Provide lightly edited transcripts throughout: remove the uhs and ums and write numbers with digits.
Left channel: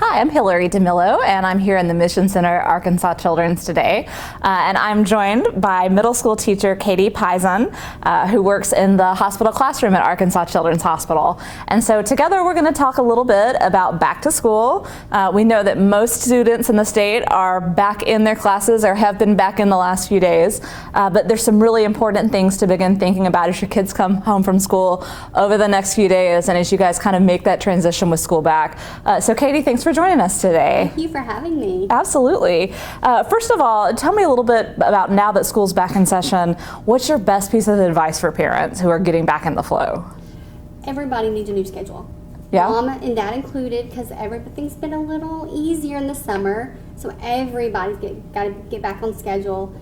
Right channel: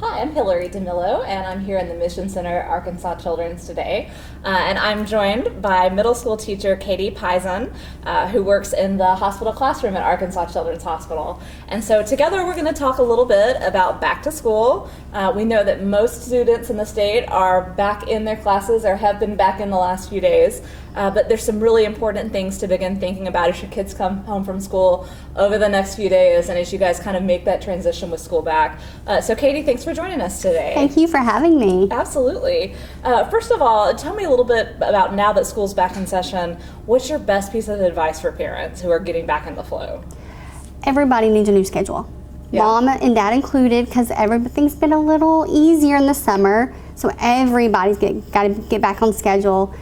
Hi, I'm Hillary DeMillo, and I'm here in the Mission Center, Arkansas Children's today. And I'm joined by middle school teacher Katie Pizan, who works in the hospital classroom at Arkansas Children's Hospital. And so together we're going to talk a little bit about back to school. We know that most students in the state are back in their classes or have been back in the last few days. But there's some really important things to begin thinking about as your kids come home from school over the next few days and as you guys kind of make that transition with school back. So Katie, thanks for joining us today. Thank you for having me. Absolutely. First of all, tell me a little bit about now that school's back in session, what's your best piece of advice for parents who are getting back in the flow? Everybody needs a new schedule. Yeah. Mom and dad included, because everything's been a little easier in the summer, so everybody's got to get back on schedule.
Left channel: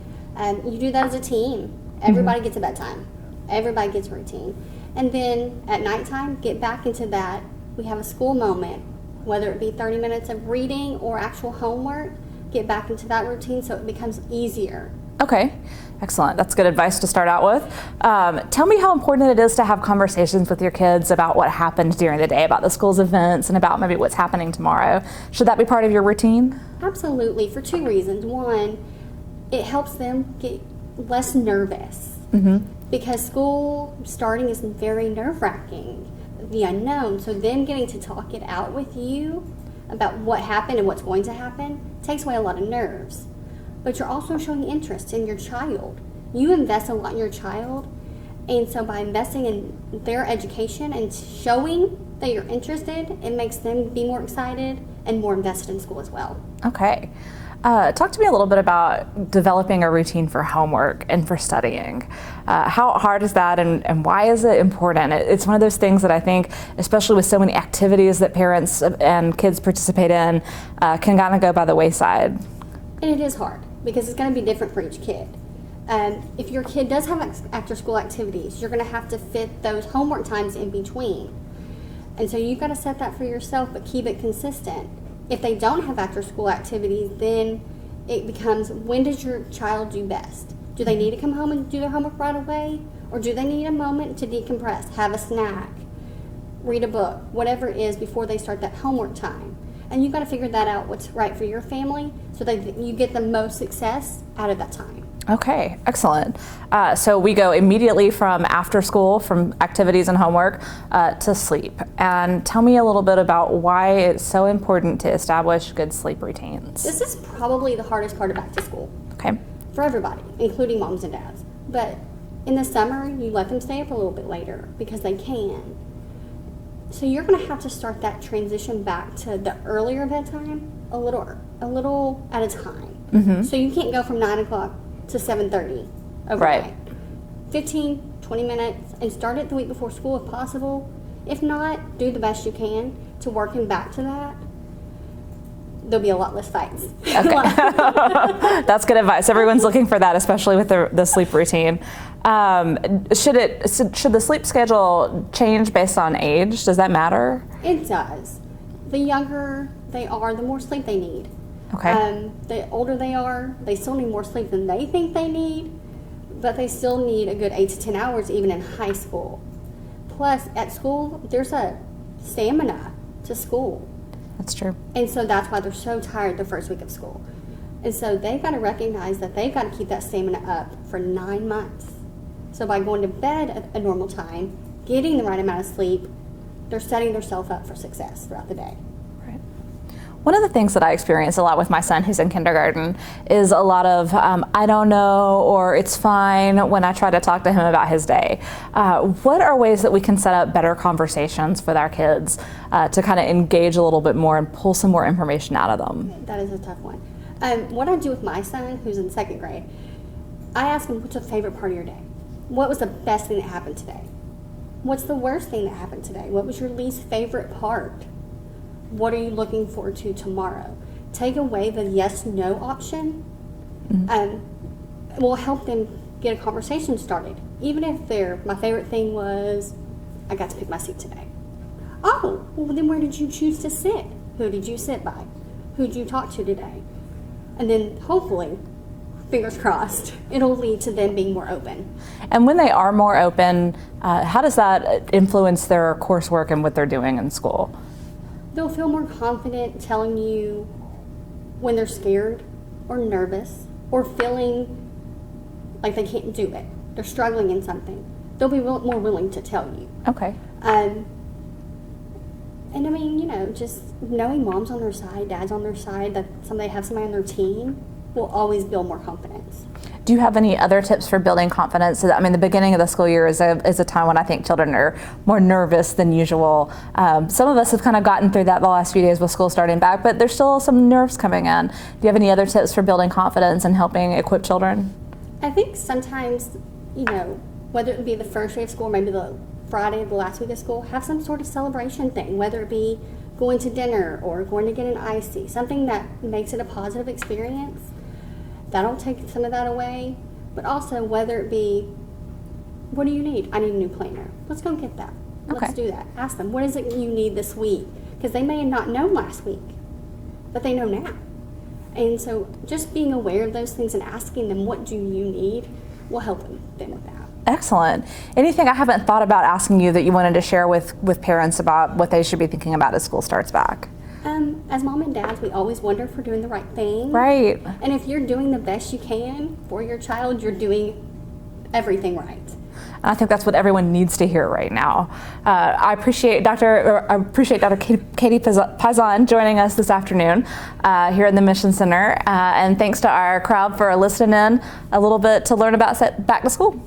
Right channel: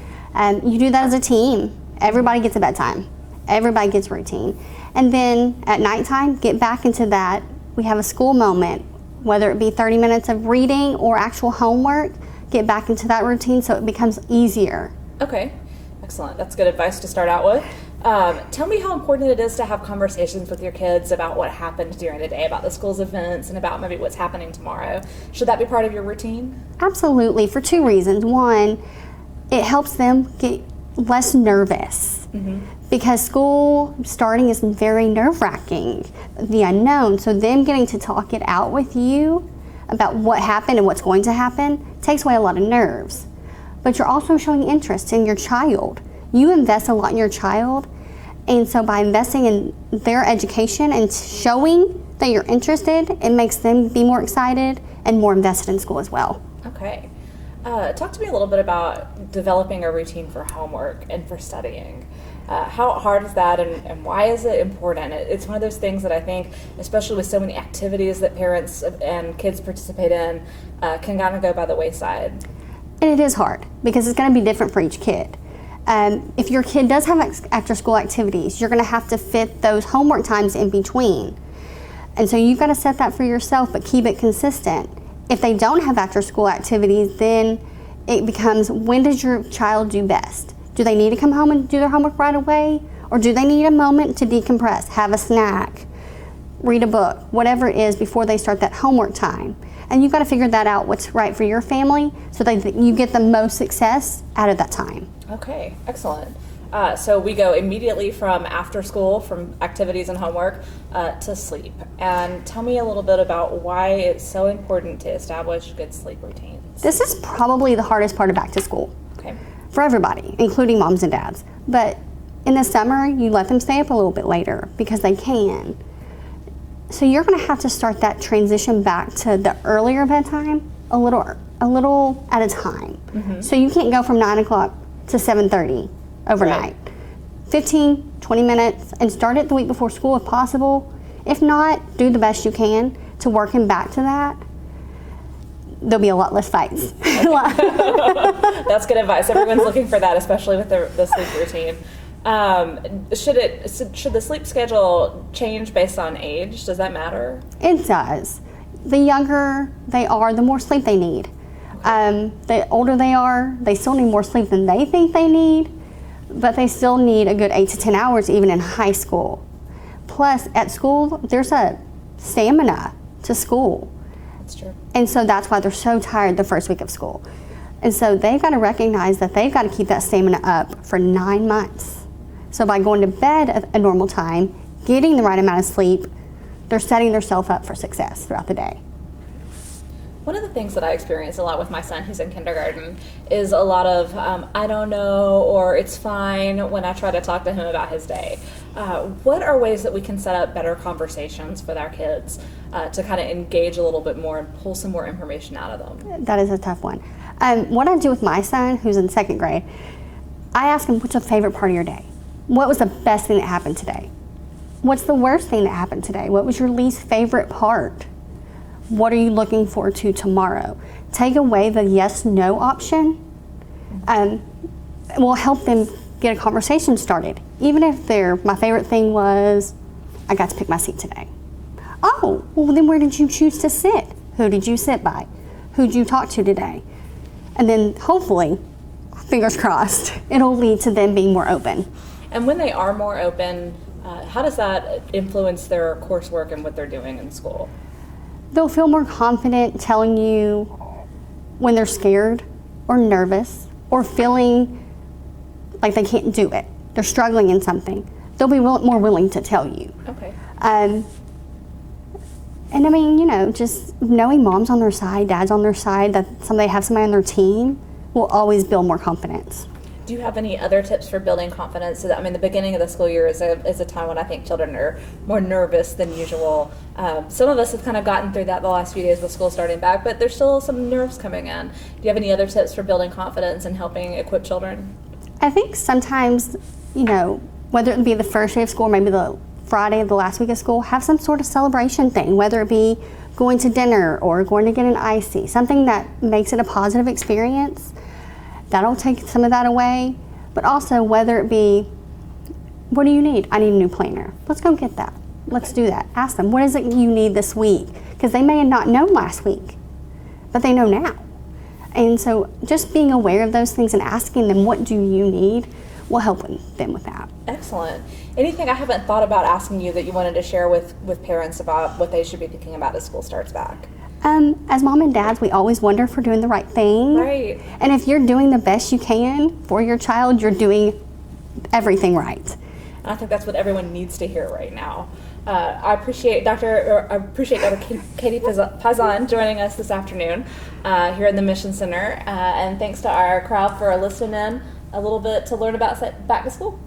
You do that as a team. Everybody gets a bedtime. Everybody gets routine. And then at nighttime, get back into that. We have a school moment, whether it be 30 minutes of reading or actual homework, get back into that routine so it becomes easier. Okay, excellent. That's good advice to start out with. Tell me how important it is to have conversations with your kids about what happened during the day, about the school's events, and about maybe what's happening tomorrow. Should that be part of your routine? Absolutely, for two reasons. One, it helps them get less nervous. Because school starting is very nerve-wracking, the unknown. So them getting to talk it out with you about what happened and what's going to happen takes away a lot of nerves. But you're also showing interest in your child. You invest a lot in your child, and so by investing in their education and showing that you're interested, it makes them be more excited and more invested in school as well. Okay. Talk to me a little bit about developing a routine for homework and for studying. How hard is that, and why is it important? It's one of those things that I think, especially with so many activities that parents and kids participate in, can kind of go by the wayside. And it is hard because it's going to be different for each kid. If your kid does have after-school activities, you're going to have to fit those homework times in between. And so you've got to set that for yourself, but keep it consistent. If they don't have after-school activities, then it becomes, when does your child do best? Do they need to come home and do their homework right away? Or do they need a moment to decompress, have a snack, read a book, whatever it is before they start that homework time? And you've got to figure that out, what's right for your family, so that you get the most success out of that time. Okay, excellent. So we go immediately from after school, from activities and homework, to sleep. And tell me a little bit about why it's so important to establish good sleep routines. This is probably the hardest part of back to school. Okay. For everybody, including moms and dads. But in the summer, you let them stay up a little bit later because they can. So you're going to have to start that transition back to the earlier bedtime a little at a time. So you can't go from 9 o'clock to 7:30 overnight. Right. 15, 20 minutes, and start it the week before school if possible. If not, do the best you can to work him back to that. There'll be a lot less fights. Okay. That's good advice. Everyone's looking for that, especially with the sleep routine. Should the sleep schedule change based on age? Does that matter? It does. The younger they are, the more sleep they need. Okay. The older they are, they still need more sleep than they think they need, but they still need a good 8 to 10 hours even in high school. Plus, at school, there's a stamina to school. That's true. And so that's why they're so tired the first week of school. And so they've got to recognize that they've got to keep that stamina up for 9 months. So by going to bed at a normal time, getting the right amount of sleep, they're setting themselves up for success throughout the day. One of the things that I experience a lot with my son who's in kindergarten is a lot of I don't know, or it's fine when I try to talk to him about his day. What are ways that we can set up better conversations with our kids to kind of engage a little bit more and pull some more information out of them? That is a tough one. What I do with my son, who's in second grade, I ask him, what's your favorite part of your day? What was the best thing that happened today? What's the worst thing that happened today? What was your least favorite part? What are you looking forward to tomorrow? Take away the yes-no option. Will help them get a conversation started. Even if my favorite thing was, I got to pick my seat today. Oh, well then where did you choose to sit? Who did you sit by? Who did you talk to today? And then hopefully, fingers crossed, it'll lead to them being more open. And when they are more open, how does that influence their coursework and what they're doing in school? They'll feel more confident telling you when they're scared or nervous or feeling like they can't do it. They're struggling in something. They'll be more willing to tell you. Okay. And I mean, you know, just knowing mom's on their side, dad's on their side, that they have somebody on their team will always build more confidence. Do you have any other tips for building confidence? I mean, the beginning of the school year is a time when I think children are more nervous than usual. Some of us have kind of gotten through that the last few days with school starting back, but there's still some nerves coming in. Do you have any other tips for building confidence and helping equip children? I think sometimes, you know, whether it be the first day of school or maybe the Friday of the last week of school, have some sort of celebration thing, whether it be going to dinner or going to get an icy, something that makes it a positive experience. That'll take some of that away. But also, whether it be, what do you need? I need a new planner. Let's go get that. Let's do that. Ask them, what is it you need this week? Because they may have not known last week, but they know now. And so just being aware of those things and asking them, what do you need, will help them with that. Excellent. Anything I haven't thought about asking you that you wanted to share with parents about what they should be thinking about as school starts back? As mom and dads, we always wonder if we're doing the right thing. Right. And if you're doing the best you can for your child, you're doing everything right. I think that's what everyone needs to hear right now. I appreciate Dr. Katie Pizan joining us this afternoon here in the Mission Center. And thanks to our crowd for listening in a little bit to learn about back to school.